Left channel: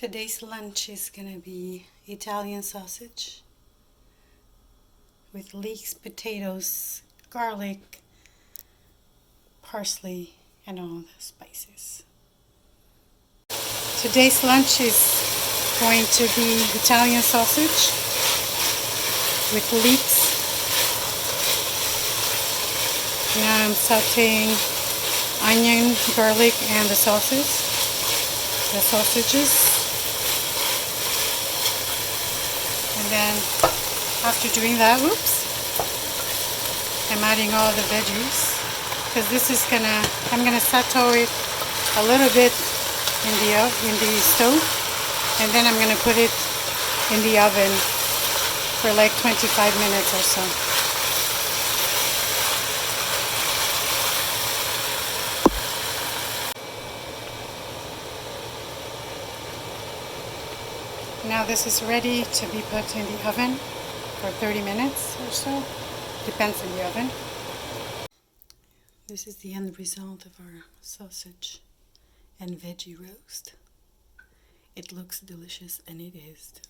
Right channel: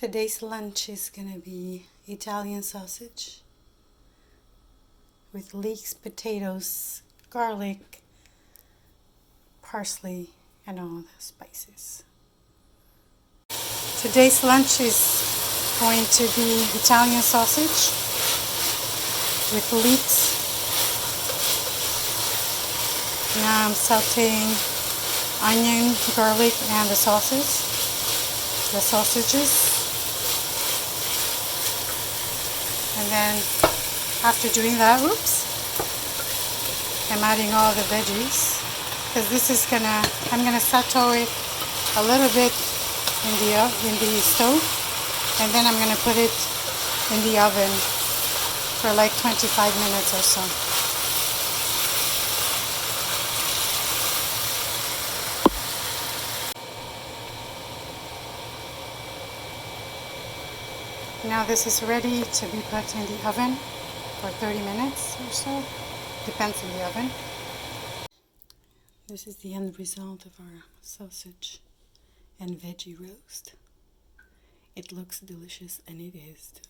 Today's lunch is gonna be Italian sausage with leeks, potatoes, garlic, parsley, and all the spices. Today's lunch is going to be Italian sausage with leeks. Now I'm sauteing onion, garlic, and the sausages. And then after doing that, I'm adding all the veggies, because I'm gonna saute it a little bit in the stove, and then I'm gonna put it in the oven for like 25 minutes or so. Now this is ready to be put in the oven for 30 minutes or so. Depends on the oven. This is the end result of our sausage and veggie roast. It looks delicious, and it is delicious.